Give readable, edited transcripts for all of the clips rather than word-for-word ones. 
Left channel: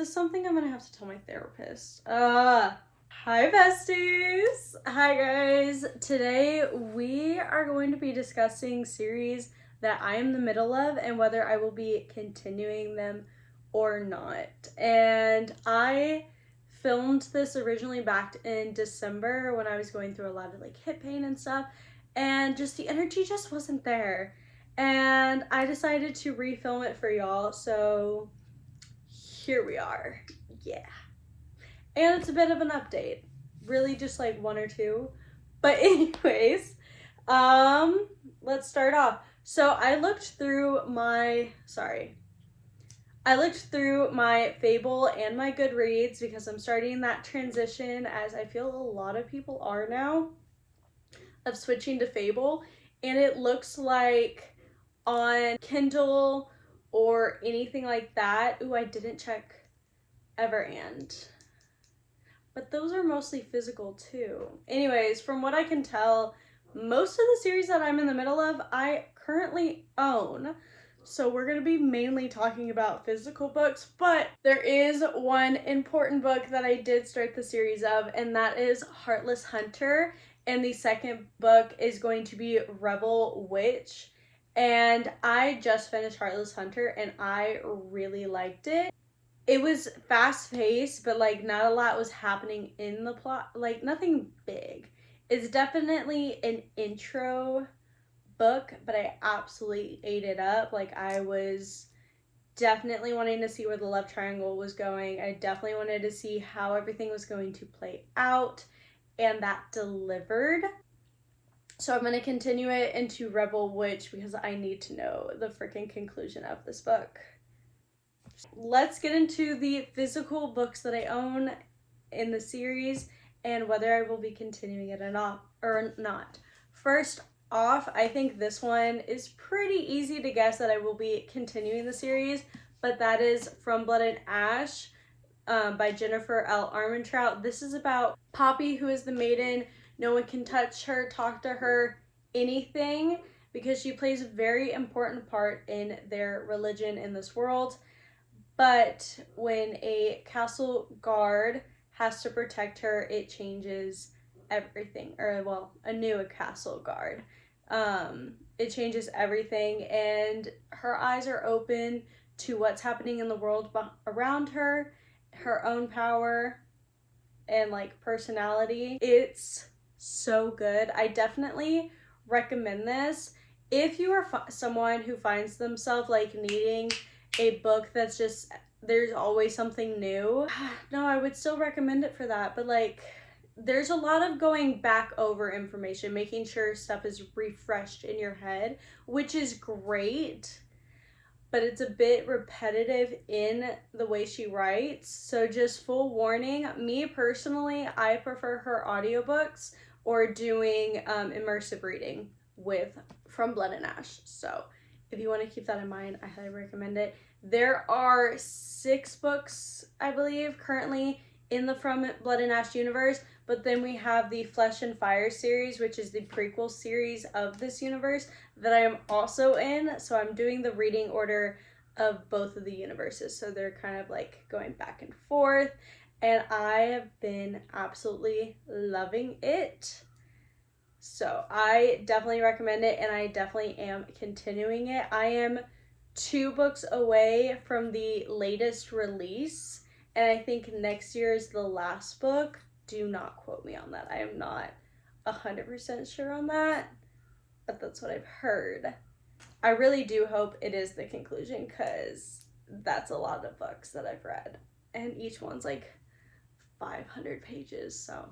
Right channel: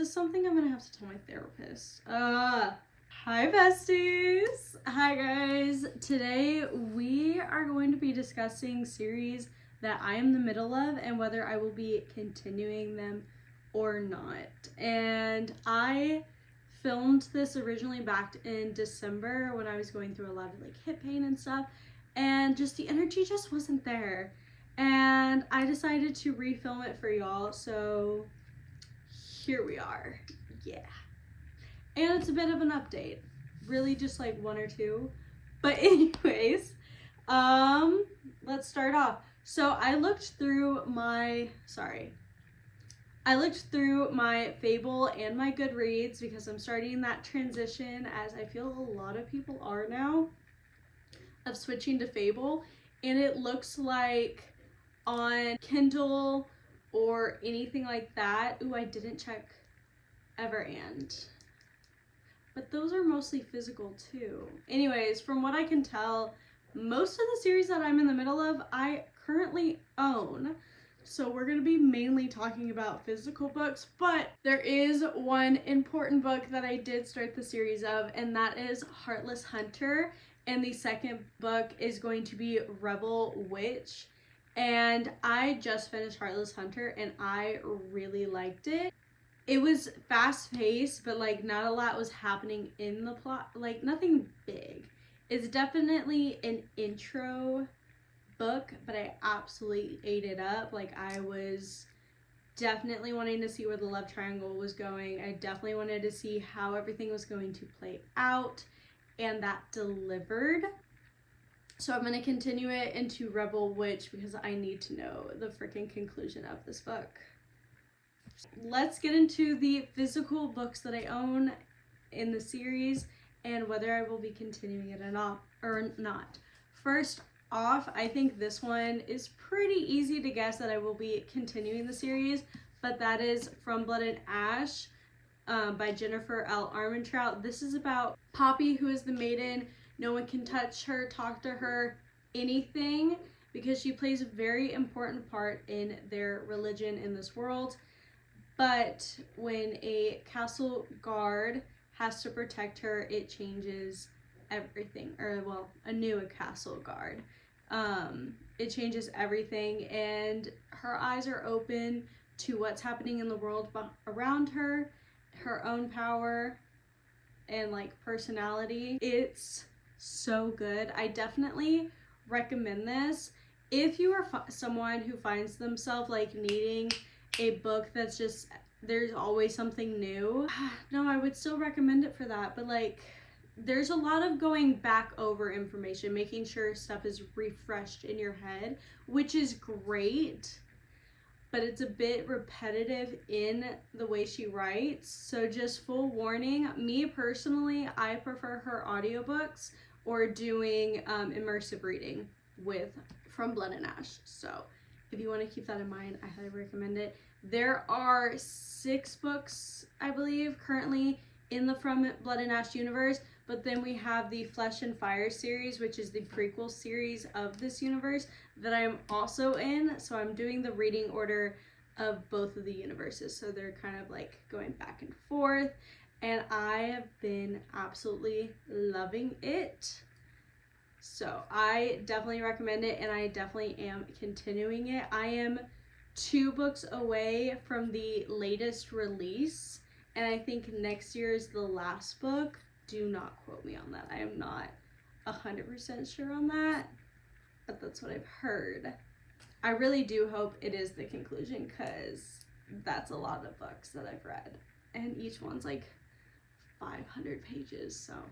this something I'm gonna have to tell my therapist? Hi besties! Hi guys! Today we are going to be discussing series that I am in the middle of and whether I will be continuing them or not. And I filmed this originally back in December when I was going through a lot of like hip pain and stuff, and just the energy just wasn't there. And I decided to refilm it for y'all, so here we are. Yeah. And it's a bit of an update. Really just like one or two. But anyways, let's start off. So I looked through my Fable and my Goodreads because I'm starting that transition, as I feel a lot of people are now, of switching to Fable. And it looks like on Kindle or anything like that. Ooh, I didn't check Everand. But those are mostly physical too. Anyways, from what I can tell, most of the series that I'm in the middle of, I currently own. So we're going to be mainly talking about physical books, but there is one important book that I did start the series of, and that is Heartless Hunter. And the second book is going to be Rebel Witch. And I just finished Heartless Hunter and I really liked it. It was fast paced, but like not a lot was happening in the plot, like nothing big. It's definitely an intro book, but I absolutely ate it up. Like I was definitely wanting to see where the love triangle was going. I definitely wanted to see how everything was going to play out, and that delivered. So I'm going to continue it into Rebel Witch because I need to know the freaking conclusion of this book. Let's get into the physical books that I own in the series and whether I will be continuing it or not. First off, I think this one is pretty easy to guess that I will be continuing the series, but that is From Blood and Ash by Jennifer L. Armentrout. This is about Poppy, who is the maiden. No one can touch her, talk to her, anything, because she plays a very important part in their religion in this world. But when a castle guard has to protect her, it changes everything. Or, well, a new castle guard. It changes everything, and her eyes are open to what's happening in the world around her, her own power, and like personality. It's so good. I definitely recommend this if you are someone who finds themselves like needing a book that's just there's always something new. No, I would still recommend it for that, but like there's a lot of going back over information, making sure stuff is refreshed in your head, which is great, but it's a bit repetitive in the way she writes. So just full warning, me personally, I prefer her audiobooks or doing immersive reading with From Blood and Ash. So if you want to keep that in mind, I highly recommend it. There are 6 books, I believe, currently in the From Blood and Ash universe, but then we have the Flesh and Fire series, which is the prequel series of this universe that I am also in. So I'm doing the reading order of both of the universes. So they're kind of like going back and forth, and I have been absolutely loving it. So I definitely recommend it, and I definitely am continuing it. I am 2 books away from the latest release, and I think next year is the last book. Do not quote me on that. I am not 100% sure on that, but that's what I've heard. I really do hope it is the conclusion, because that's a lot of books that I've read, and each one's like 500 pages. So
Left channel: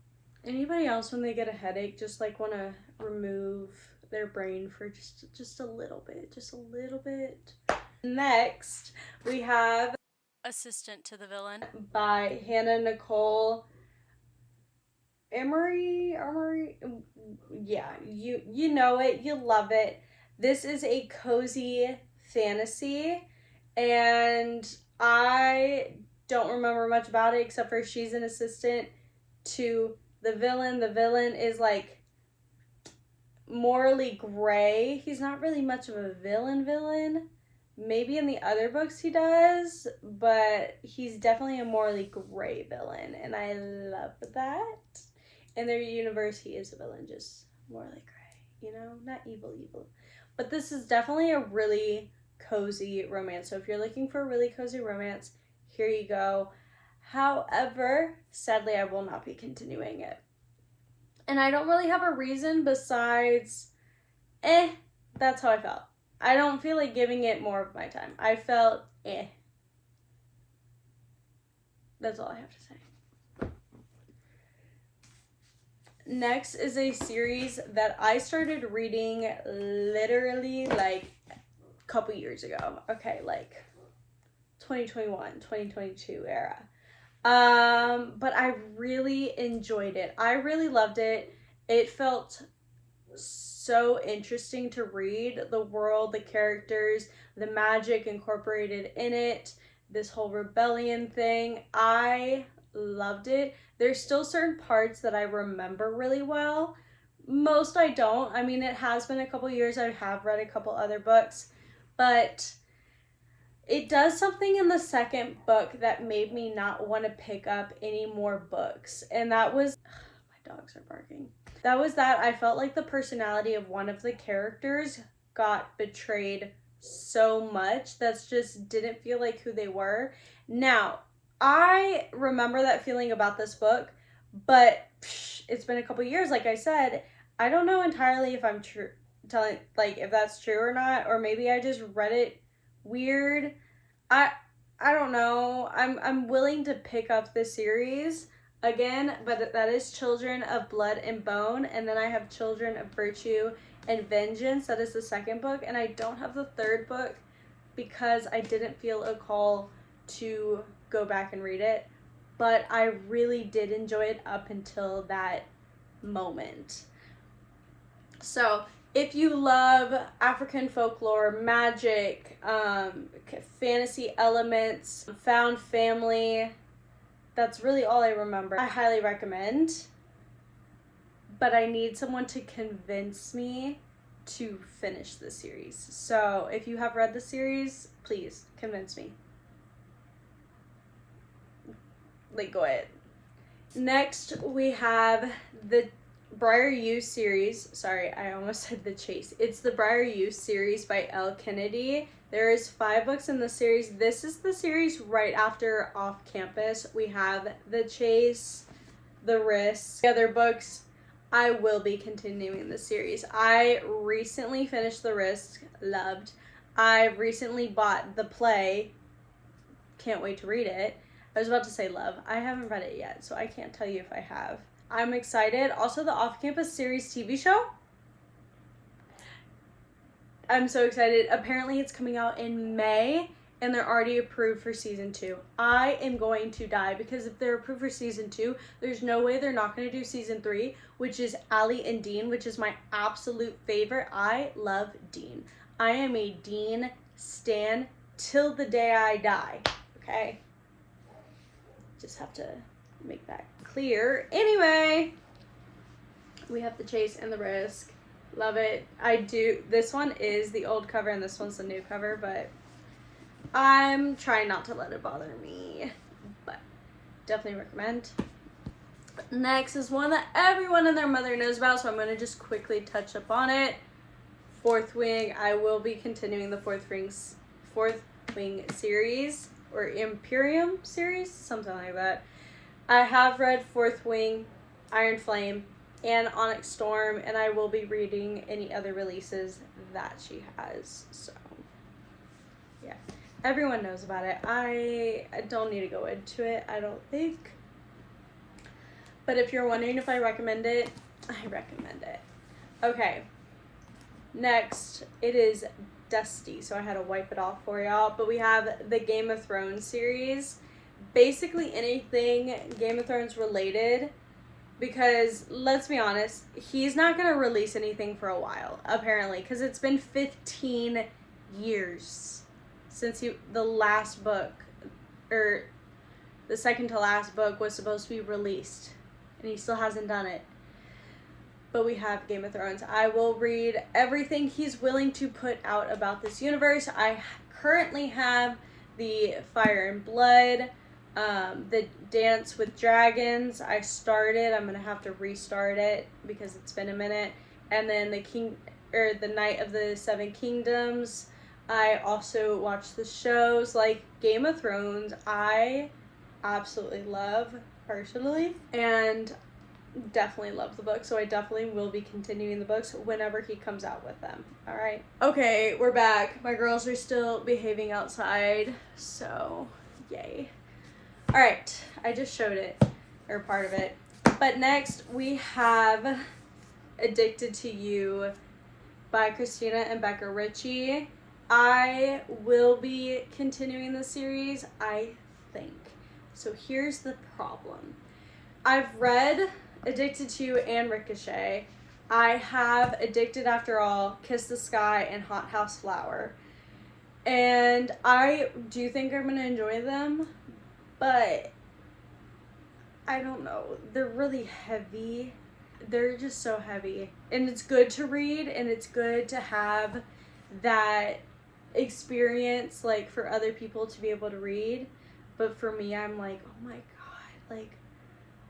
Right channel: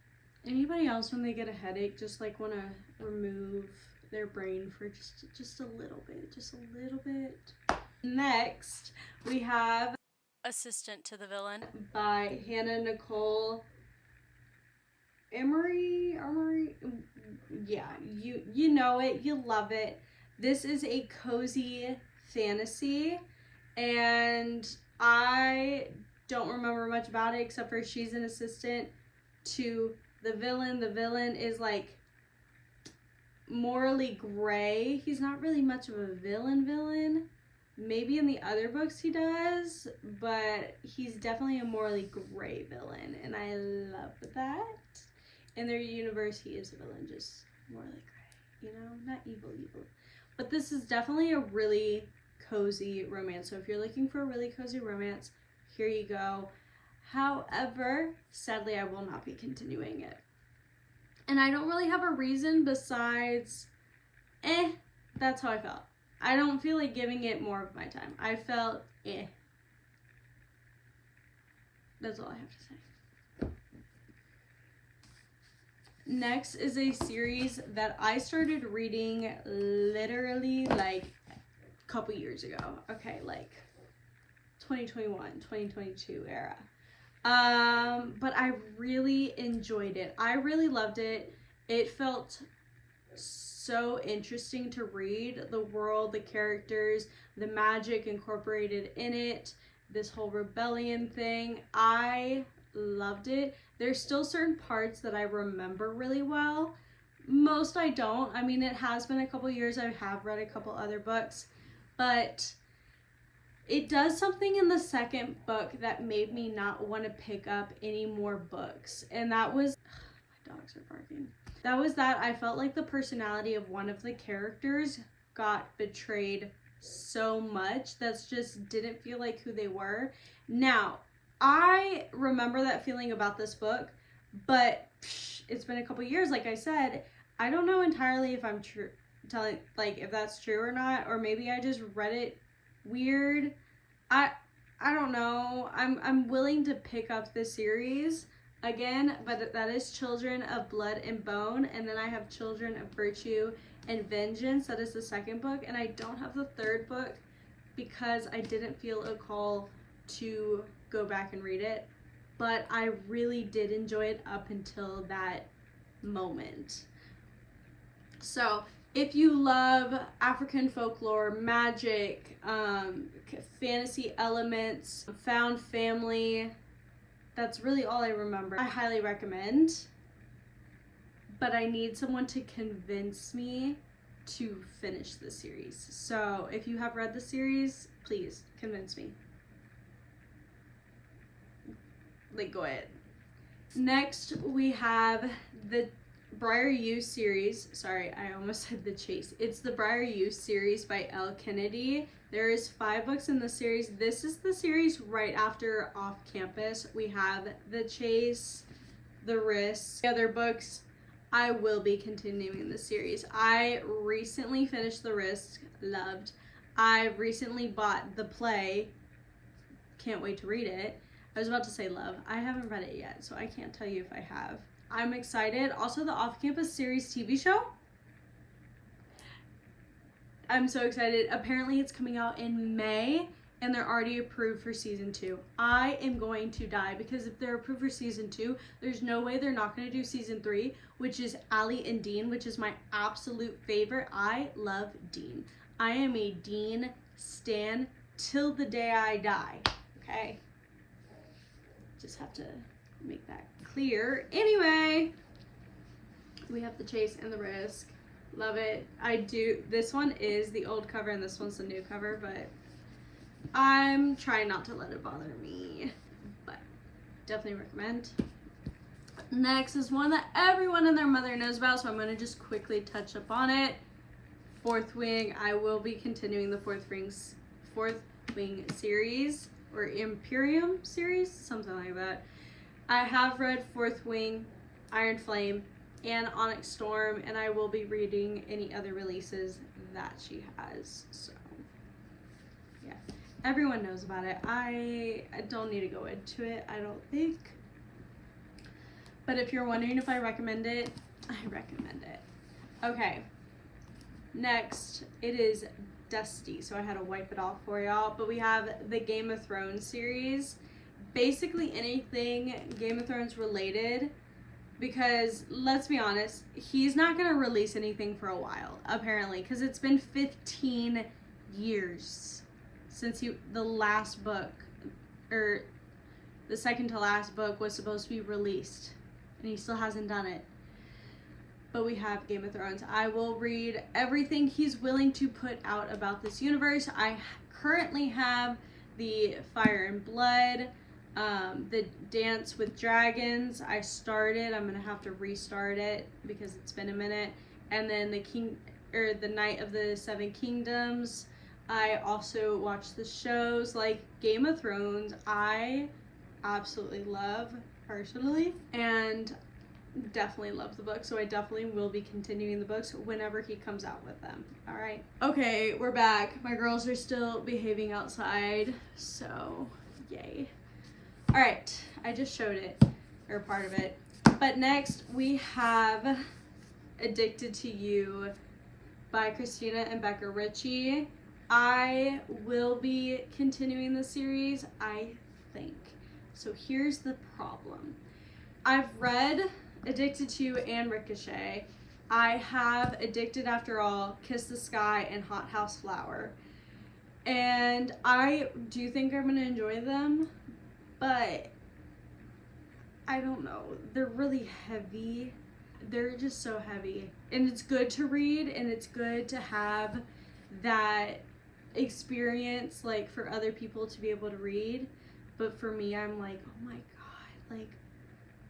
anybody else, when they get a headache, just like want to remove their brain for just a little bit. Next, we have Assistant to the Villain by Hannah Nicole Emery. Yeah, you know it, you love it. This is a cozy fantasy, and I don't remember much about it except for she's an assistant to the villain. The villain is like morally gray. He's not really much of a villain, Maybe in the other books he does, but he's definitely a morally gray villain, and I love that. In their universe, he is a villain, just morally gray, not evil. But this is definitely a really cozy romance. So if you're looking for a really cozy romance, here you go. However, sadly, I will not be continuing it. And I don't really have a reason besides, that's how I felt. I don't feel like giving it more of my time. I felt, That's all I have to say. Next is a series that I started reading literally like a couple years ago. Okay, like 2021, 2022 era. But I really enjoyed it. I really loved it. It felt so interesting to read. The world, the characters, the magic incorporated in it, this whole rebellion thing. I loved it. There's still certain parts that I remember really well. Most I don't. I mean, it has been a couple years. I have read a couple other books, but it does something in the second book that made me not want to pick up any more books. And that was, my dogs are barking. That was that I felt like the personality of one of the characters got betrayed so much that just didn't feel like who they were. Now, I remember that feeling about this book, but it's been a couple years, like I said. I don't know entirely if I'm if that's true or not, or maybe I just read it weird. I don't know. I'm willing to pick up the series again, but that is Children of Blood and Bone, and then I have Children of Virtue and Vengeance. That is the second book, and I don't have the third book because I didn't feel a call to go back and read it, but I really did enjoy it up until that moment. So if you love African folklore, magic, fantasy elements, found family, that's really all I remember. I highly recommend, but I need someone to convince me to finish the series. So if you have read the series, please convince me. Like, go ahead. Next, we have the Briar You series. Sorry, I almost said The Chase. It's the Briar You series by Elle Kennedy. There is 5 books in the series. This is the series right after Off Campus. We have The Chase, The Risk. The other books, I will be continuing the series. I recently finished The Risk. Loved. I recently bought the play. Can't wait to read it. I was about to say love. I haven't read it yet, so I can't tell you if I have. I'm excited. Also, the Off Campus series TV show. I'm so excited. Apparently, it's coming out in May, and they're already approved for season 2. I am going to die, because if they're approved for season 2, there's no way they're not going to do season 3, which is Allie and Dean, which is my absolute favorite. I love Dean. I am a Dean stan till the day I die. Okay? Just have to make that clear. Anyway, we have The Chase and The Risk. Love it. I do. This one is the old cover and this one's the new cover, but I'm trying not to let it bother me. But definitely recommend. Next is one that everyone and their mother knows about, so I'm going to just quickly touch up on it. Fourth Wing. I will be continuing the Fourth Wing series, or Imperium series, something like that. I have read Fourth Wing, Iron Flame, and Onyx Storm, and I will be reading any other releases that she has. So, yeah. Everyone knows about it. I don't need to go into it, I don't think. But if you're wondering if I recommend it, I recommend it. Okay. Next, it is dusty, so I had to wipe it off for y'all. But we have the Game of Thrones series. Basically anything Game of Thrones related, because let's be honest, he's not going to release anything for a while, apparently, because it's been 15 years since the last book, or the second to last book, was supposed to be released, and he still hasn't done it. But we have Game of Thrones. I will read everything he's willing to put out about this universe. I currently have the Fire and Blood, the Dance with Dragons. I started. I'm gonna have to restart it because it's been a minute. And then the Night of the Seven Kingdoms. I also watched the shows like Game of Thrones. I absolutely love personally, and definitely love the book, so I definitely will be continuing the books whenever he comes out with them. All right. Okay, we're back. My girls are still behaving outside, so yay. All right, I just showed it, or part of it. But next we have Addicted to You by Christina and Becca Ritchie. I will be continuing the series, I think. So here's the problem. I've read Addicted to You and Ricochet. I have Addicted After All, Kiss the Sky, and Hot House Flower. And I do think I'm going to enjoy them, but I don't know. They're really heavy. They're just so heavy. And it's good to read, and it's good to have that experience, like, for other people to be able to read. But for me, I'm like, oh my God, like,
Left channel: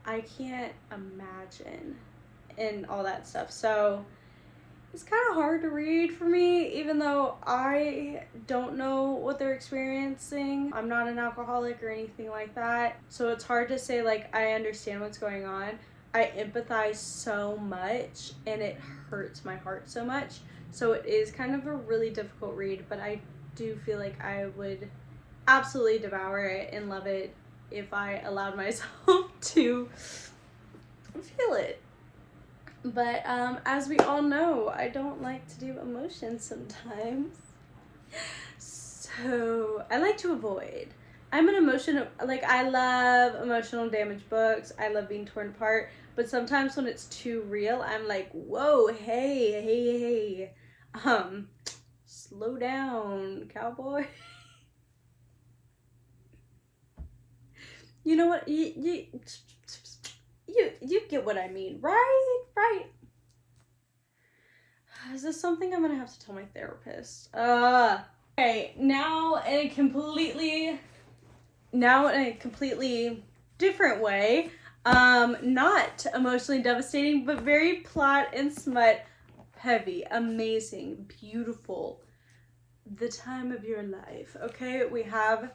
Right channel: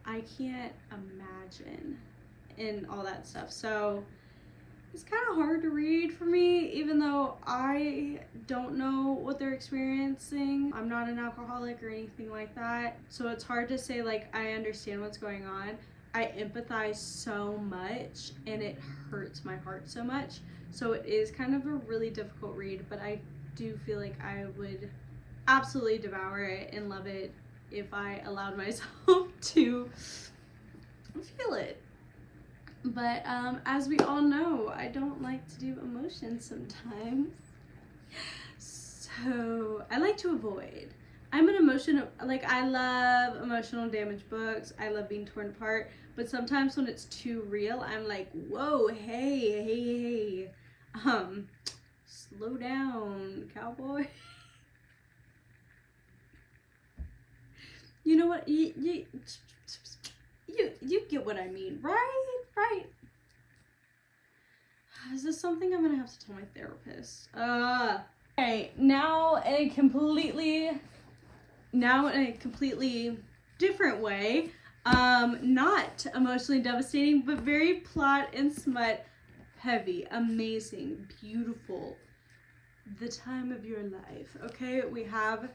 I can't imagine and all that stuff. So it's kind of hard to read for me, even though I don't know what they're experiencing. I'm not an alcoholic or anything like that. So it's hard to say, like, I understand what's going on. I empathize so much, and it hurts my heart so much. So it is kind of a really difficult read, but I do feel like I would absolutely devour it and love it if I allowed myself to feel it. But as we all know, I don't like to do emotions sometimes. So I like to avoid. I'm an I love emotional damage books. I love being torn apart. But sometimes when it's too real, I'm like, whoa, hey. Slow down, cowboy. You know what? You get what I mean, right? Right. Is this something I'm gonna have to tell my therapist? Okay, now in a completely different way. Not emotionally devastating, but very plot and smut heavy, amazing, beautiful. The Time of Your Life. Okay, we have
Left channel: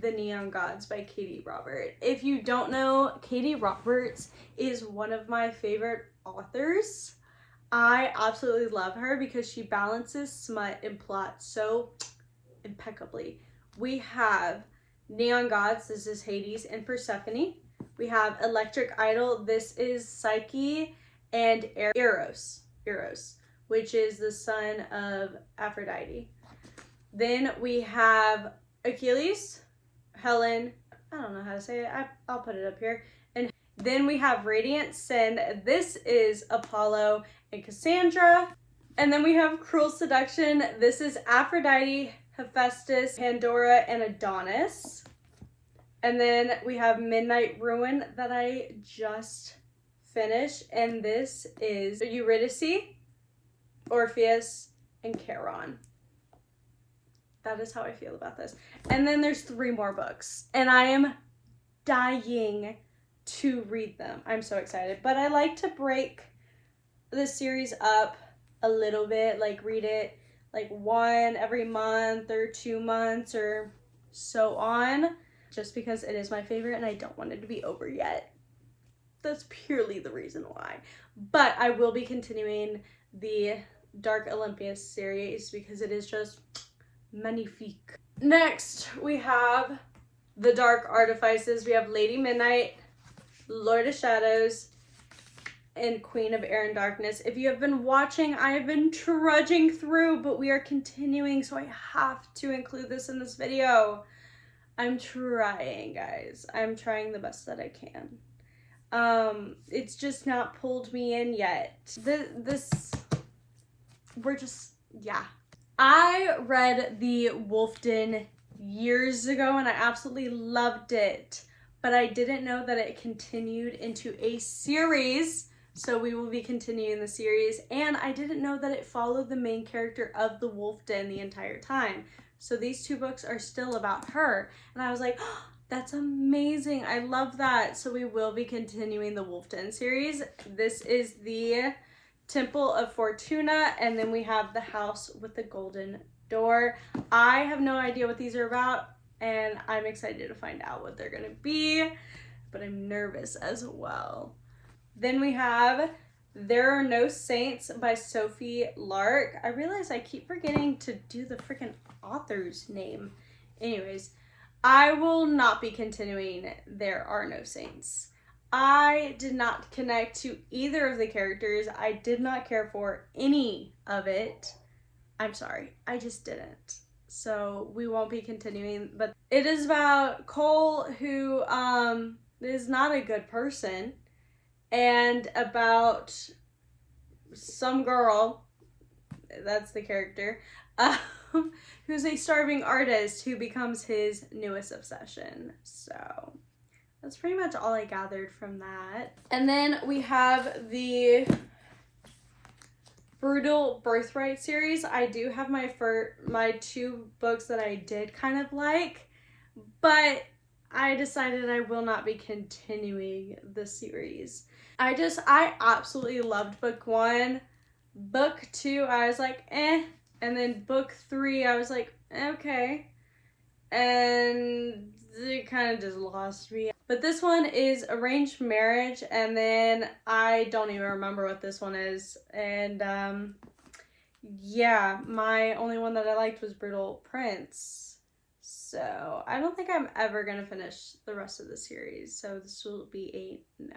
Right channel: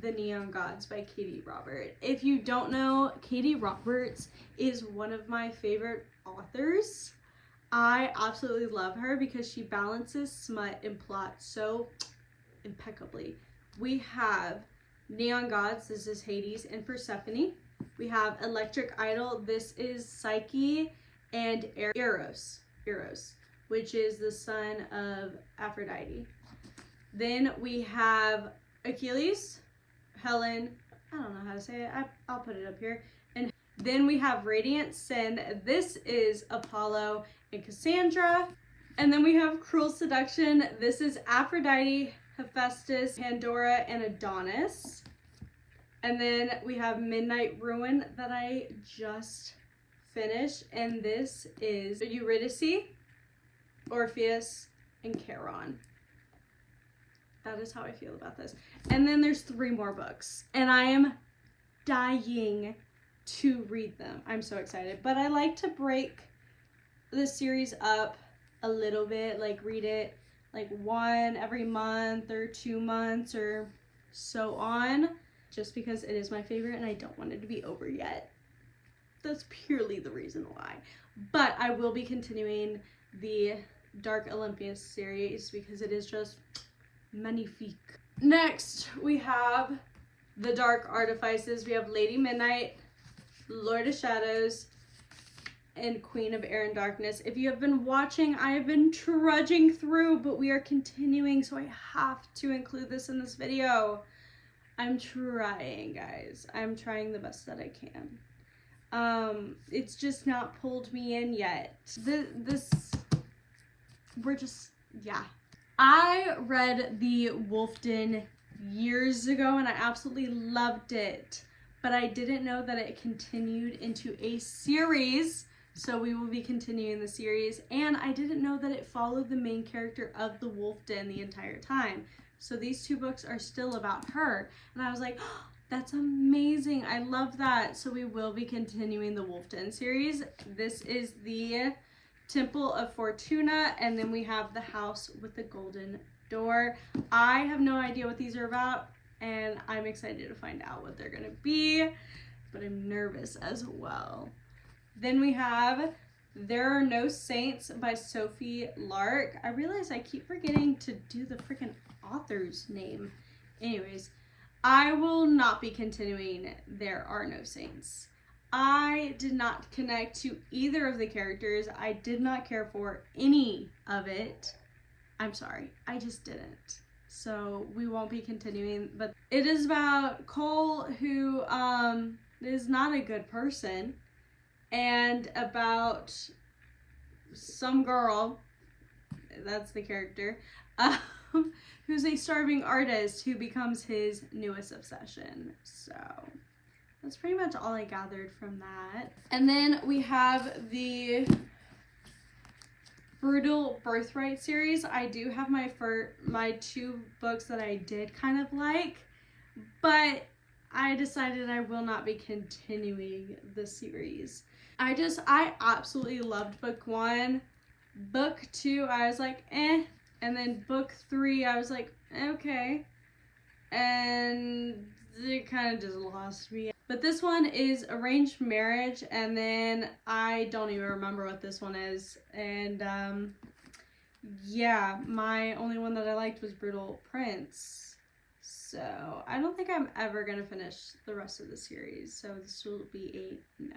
The Neon Gods by Katie Robert. If you don't know, Katie Roberts is one of my favorite authors. I absolutely love her because she balances smut and plot so impeccably. We have Neon Gods, this is Hades and Persephone. We have Electric Idol, this is Psyche and Eros, which is the son of Aphrodite. Then we have Achilles, Helen, I don't know how to say it, I'll put it up here. And then we have Radiant Sin, this is Apollo and Cassandra. And then we have Cruel Seduction, this is Aphrodite, Hephaestus, Pandora, and Adonis. And then we have Midnight Ruin that I just finished, and this is Eurydice, Orpheus, and Charon. That is how I feel about this. And then there's 3 more books, and I am dying to read them. I'm so excited. But I like to break the series up a little bit, like read it like one every month or 2 months or so on, just because it is my favorite and I don't want it to be over yet. That's purely the reason why. But I will be continuing the Dark Olympus series because it is just magnifique. Next, we have the Dark Artifices. We have Lady Midnight, Lord of Shadows, and Queen of Air and Darkness. If you have been watching, I have been trudging through, but we are continuing, so I have to include this in this video. I'm trying, guys. I'm trying the best that I can. It's just not pulled me in yet. Yeah. I read The Wolf Den years ago and I absolutely loved it, but I didn't know that it continued into a series, so we will be continuing the series, and I didn't know that it followed the main character of The Wolf Den the entire time. So these 2 books are still about her. And I was like, oh, that's amazing. I love that. So we will be continuing the Wolf Den series. This is the Temple of Fortuna, and then we have the House with the Golden Door. I have no idea what these are about, and I'm excited to find out what they're gonna be, but I'm nervous as well. Then we have There Are No Saints by Sophie Lark. I realize I keep forgetting to do the freaking author's name. Anyways, I will not be continuing There Are No Saints. I did not connect to either of the characters. I did not care for any of it. I'm sorry, I just didn't. So we won't be continuing, but it is about Cole, who is not a good person, and about some girl, that's the character, who's a starving artist who becomes his newest obsession. So that's pretty much all I gathered from that. And then we have the Brutal Birthright series. I do have my 2 books that I did kind of like, but I decided I will not be continuing the series. I absolutely loved book 1. Book 2, I was like, eh. And then book 3, I was like, okay. And it kind of just lost me. But this one is Arranged Marriage, and then I don't even remember what this one is. And yeah, my only one that I liked was Brutal Prince. So I don't think I'm ever gonna finish the rest of the series. So this will be a no.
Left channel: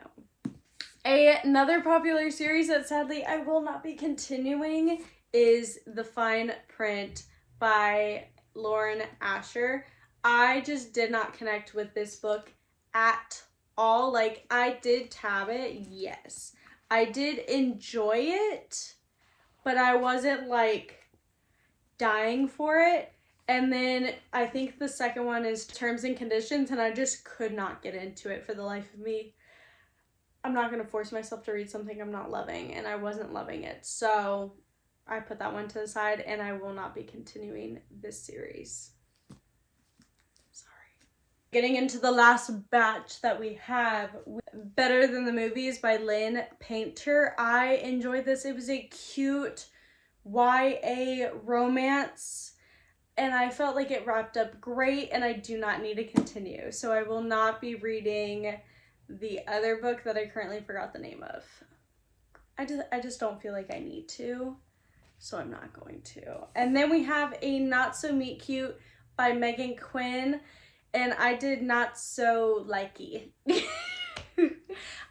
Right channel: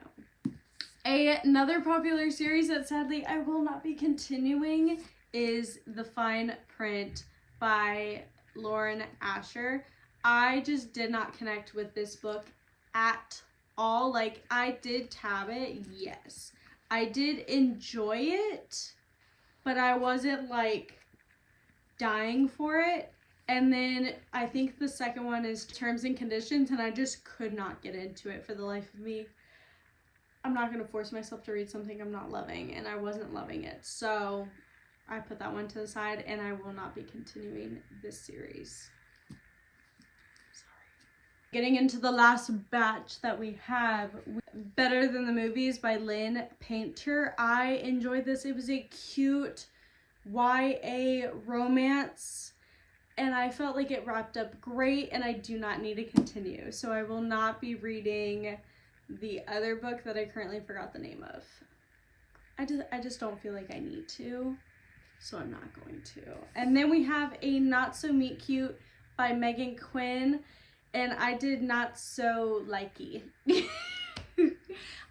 Another popular series that sadly I will not be continuing is The Fine Print by Lauren Asher. I just did not connect with this book at all. Like, I did tab it, yes. I did enjoy it, but I wasn't like dying for it. And then I think the second one is Terms and Conditions, and I just could not get into it for the life of me. I'm not going to force myself to read something I'm not loving, and I wasn't loving it. So I put that one to the side, and I will not be continuing this series. Sorry. Getting into the last batch that we have, Better Than the Movies by Lynn Painter. I enjoyed this. It was a cute YA romance, and I felt like it wrapped up great, and I do not need to continue. So I will not be reading the other book that I currently forgot the name of. I just don't feel like I need to, so I'm not going to. And then we have a Not So Meet Cute by Megan Quinn, and I did not so likey.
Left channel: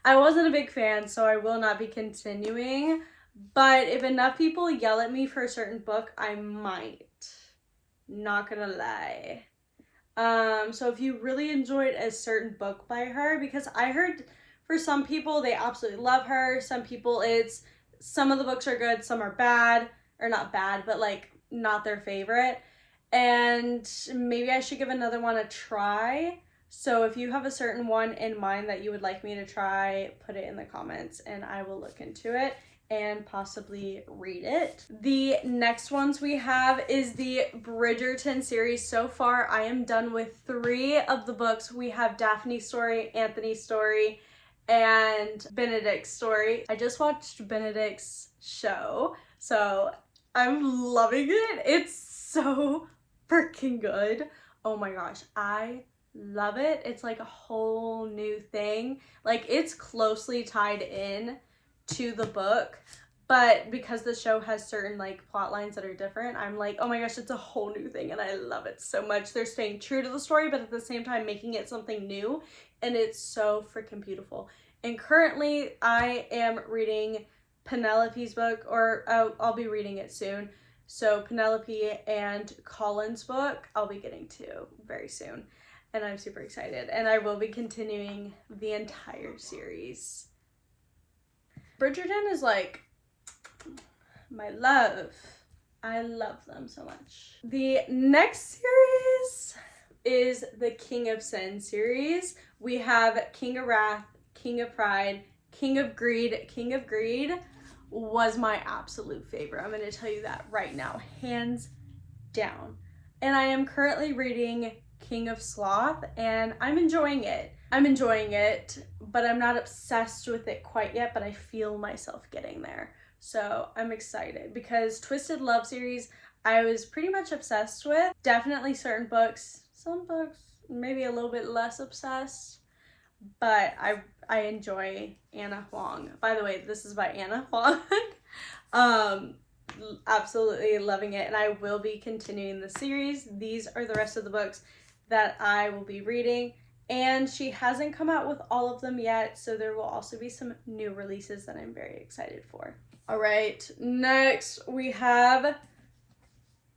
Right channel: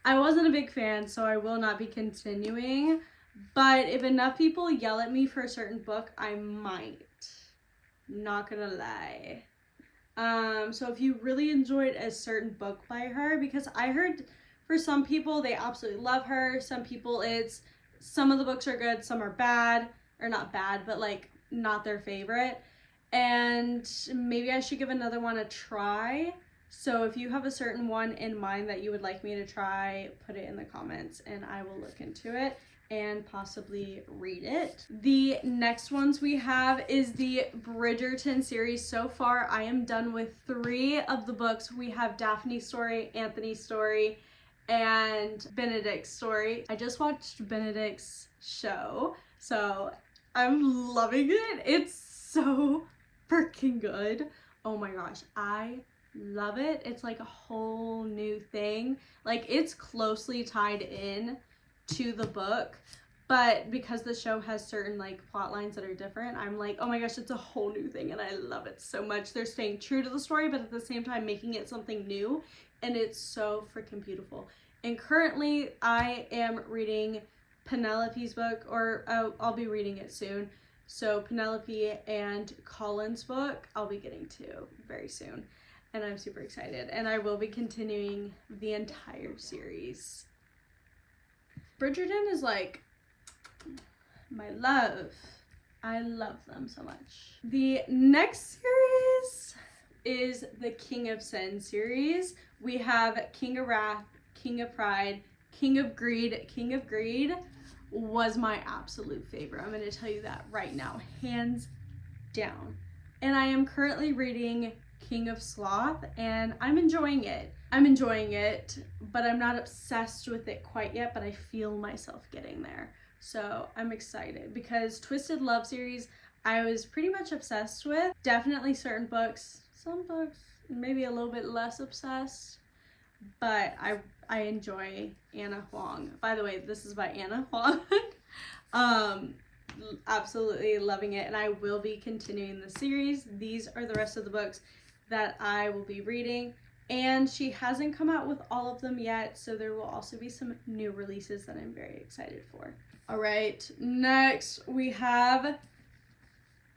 I wasn't a big fan, so I will not be continuing. But if enough people yell at me for a certain book, I might. Not gonna lie. So if you really enjoyed a certain book by her, because I heard for some people they absolutely love her, some people some of the books are good, some are bad, or not bad, but like not their favorite, and maybe I should give another one a try. So if you have a certain one in mind that you would like me to try, put it in the comments and I will look into it and possibly read it. The next ones we have is the Bridgerton series. So far, I am done with 3 of the books. We have Daphne's story, Anthony's story, and Benedict's story. I just watched Benedict's show, so I'm loving it. It's so freaking good. Oh my gosh, I love it. It's like a whole new thing. Like, it's closely tied in to the book, but because the show has certain like plot lines that are different, I'm like, oh my gosh, it's a whole new thing, and I love it so much. They're staying true to the story, but at the same time making it something new, and it's so freaking beautiful. And currently I am reading Penelope's book, or I'll be reading it soon. So Penelope and Colin's book I'll be getting to very soon, and I'm super excited, and I will be continuing the entire series. Bridgerton is like my love. I love them so much. The next series is the King of Sin series. We have King of Wrath, King of Pride, King of Greed. King of Greed was my absolute favorite. I'm going to tell you that right now, hands down. And I am currently reading King of Sloth, and I'm enjoying it. But I'm not obsessed with it quite yet, but I feel myself getting there. So I'm excited because Twisted Love series, I was pretty much obsessed with. Definitely certain books, some books maybe a little bit less obsessed, but I enjoy Anna Huang. By the way, this is by Anna Huang. Absolutely loving it, and I will be continuing the series. These are the rest of the books that I will be reading, and she hasn't come out with all of them yet, so there will also be some new releases that I'm very excited for. All right, next we have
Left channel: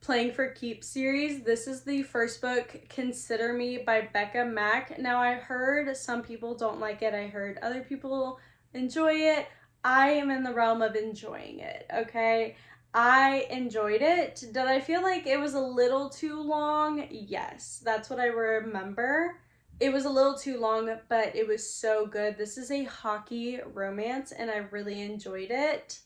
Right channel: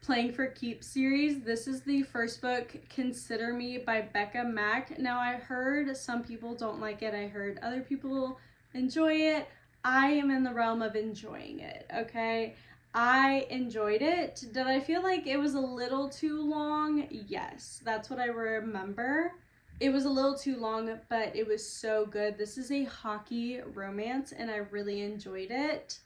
Playing for Keeps series. This is the first book, Consider Me by Becca Mack. Now, I've heard some people don't like it. I heard other people enjoy it. I am in the realm of enjoying it, okay? I enjoyed it. Did I feel like it was a little too long? Yes, that's what I remember. It was a little too long, but it was so good. This is a hockey romance, and I really enjoyed it.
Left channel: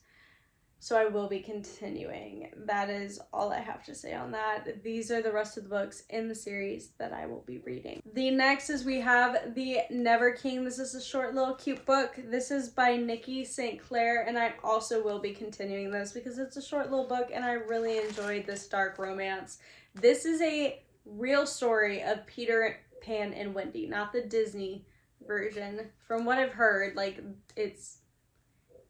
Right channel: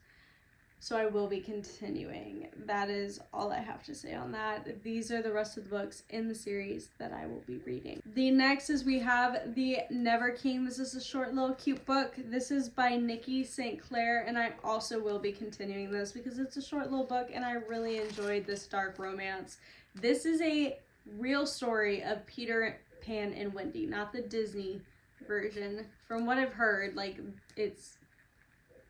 So I will be continuing. That is all I have to say on that. These are the rest of the books in the series that I will be reading. The next is we have The Never King. This is a short little cute book. This is by Nikki St. Clair, and I also will be continuing this because it's a short little book and I really enjoyed this dark romance. This is a real story of Peter Pan and Wendy, not the Disney version. From what I've heard, like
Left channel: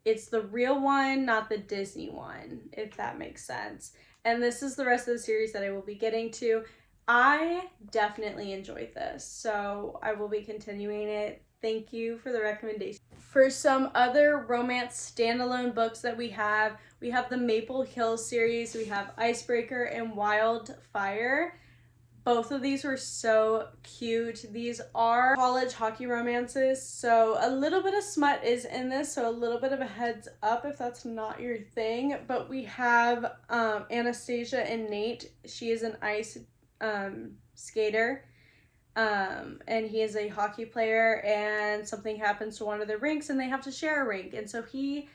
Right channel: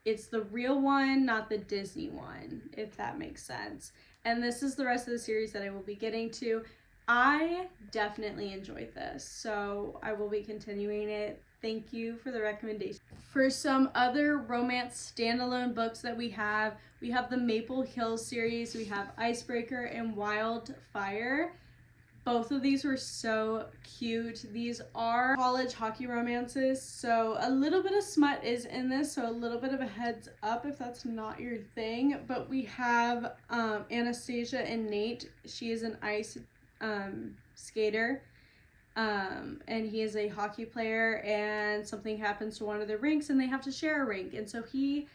it's the real one, not the Disney one, if that makes sense. And this is the rest of the series that I will be getting to. I definitely enjoyed this, so I will be continuing it. Thank you for the recommendation. For some other romance standalone books that we have the Maple Hill series, we have Icebreaker and Wildfire. Both of these were so cute. These are college hockey romances, so a little bit of smut is in this, so a little bit of a heads up if that's not your thing. But we have Anastasia and Nate. She is an ice skater, and he is a hockey player, and something happens to one of their rinks, and they have to share a rink. And so he,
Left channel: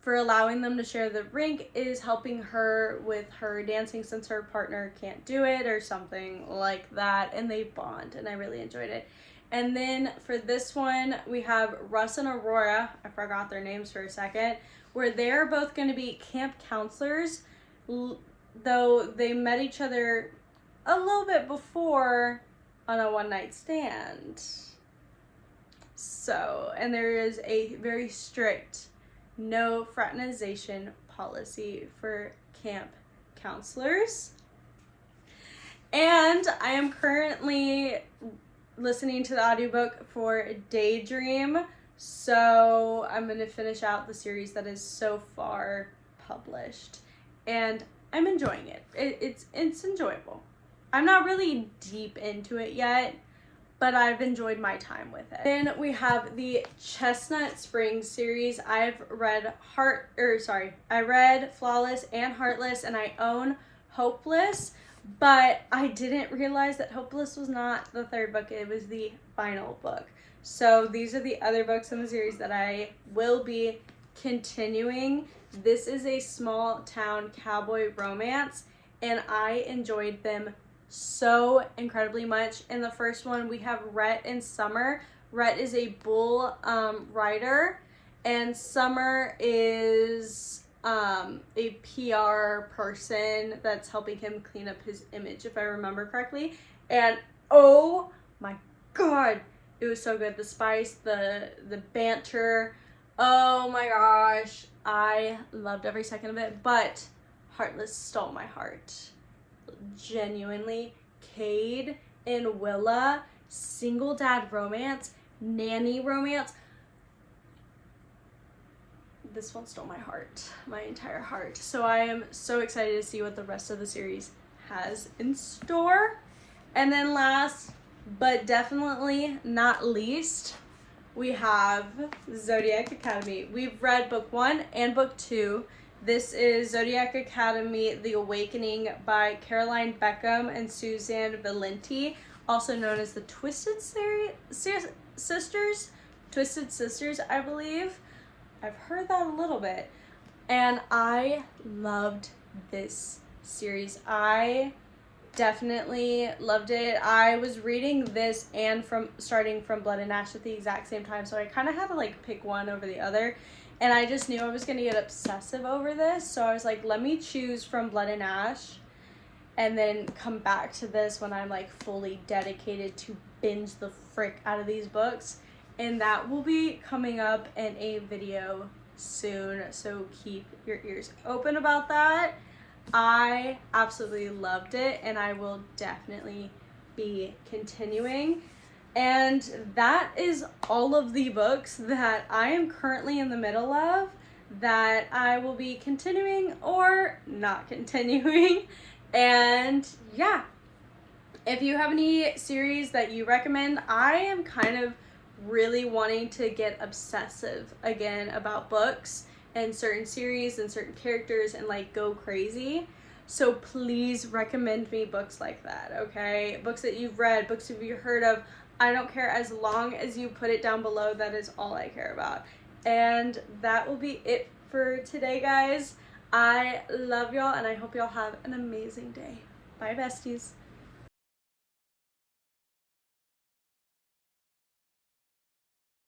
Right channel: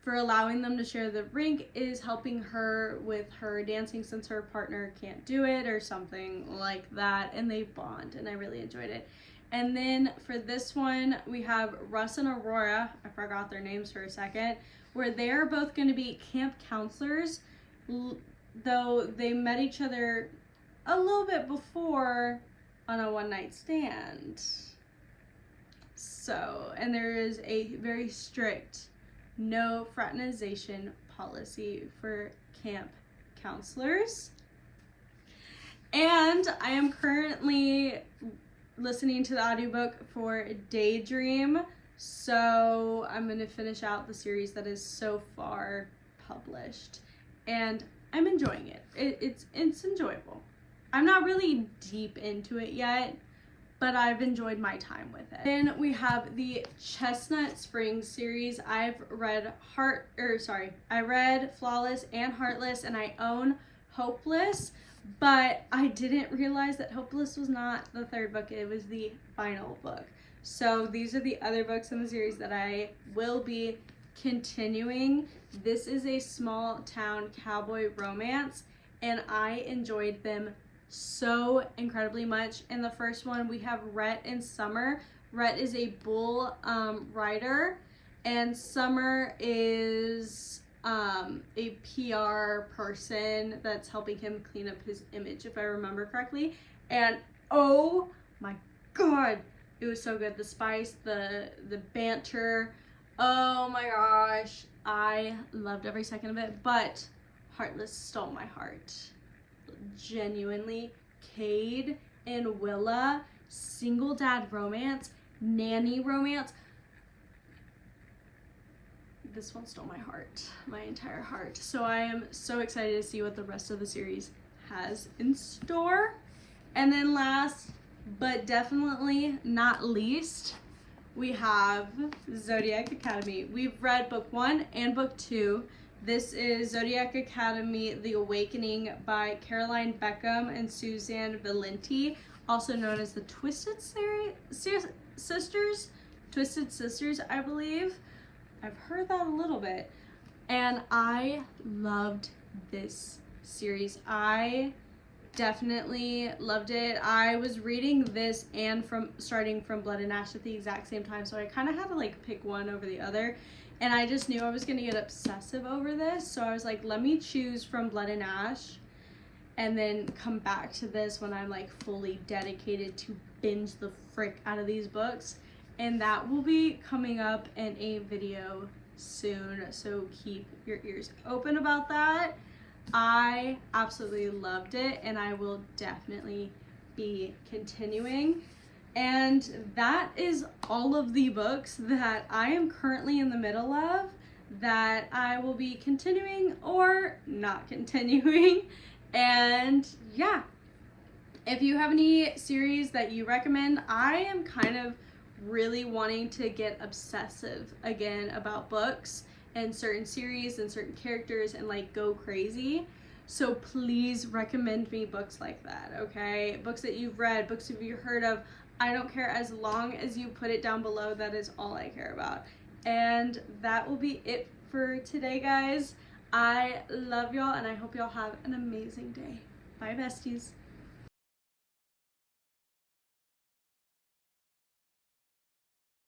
for allowing them to share the rink, is helping her with her dancing since her partner can't do it or something like that, and they bond, and I really enjoyed it. And then for this one, we have Russ and Aurora, I forgot their names for a second, where they're both going to be camp counselors, though they met each other a little bit before on a one-night stand. So, and there is a very strict no fraternization policy for camp counselors. And I am currently listening to the audiobook for Daydream, so I'm going to finish out the series that is so far published, and I'm enjoying it. It's enjoyable. I'm not really deep into it yet, but I've enjoyed my time with it. Then we have the Chestnut Springs series. I read Flawless and Heartless, and I own Hopeless, but I didn't realize that Hopeless was not the third book. It was the final book. So these are the other books in the series that I will be continuing. This is a small town cowboy romance, and I enjoyed them so incredibly much. In the first one, we have Rhett and Summer. Rhett is a bull rider, and Summer is a PR person that's helping him clean up his image, if I remember correctly. And oh my god, it was so good. The spice, the banter, oh my gosh, I loved every second of it. But Heartless stole my heart. Genuinely. Cade and Willa, single dad romance, nanny romance. This one stole my heart, my entire heart. So I am so excited to see what the rest of the series has in store. And then last but definitely not least, we have Zodiac Academy. We've read book 1 and book 2. This is Zodiac Academy, The Awakening by Caroline Beckham and Suzanne Valenti, also known as the Twisted Sisters. Twisted Sisters, I believe. I've heard that a little bit. And I loved this series. I definitely loved it. I was reading this and starting from Blood and Ash at the exact same time, so I kind of had to like pick one over the other, and I just knew I was gonna get obsessive over this, so I was like, let me choose from Blood and Ash and then come back to this when I'm like fully dedicated to binge the frick out of these books, and that will be coming up in a video soon, so keep your ears open about that. I absolutely loved it, and I will definitely be continuing. And that is all of the books that I am currently in the middle of that I will be continuing or not continuing. And yeah, if you have any series that you recommend, I am kind of really wanting to get obsessive again about books and certain series and certain characters and like go crazy. So please recommend me books like that, okay? Books that you've read, books that you've heard of. I don't care, as long as you put it down below. That is all I care about. And that will be it for today, guys. I love y'all, and I hope y'all have an amazing day. Bye, besties.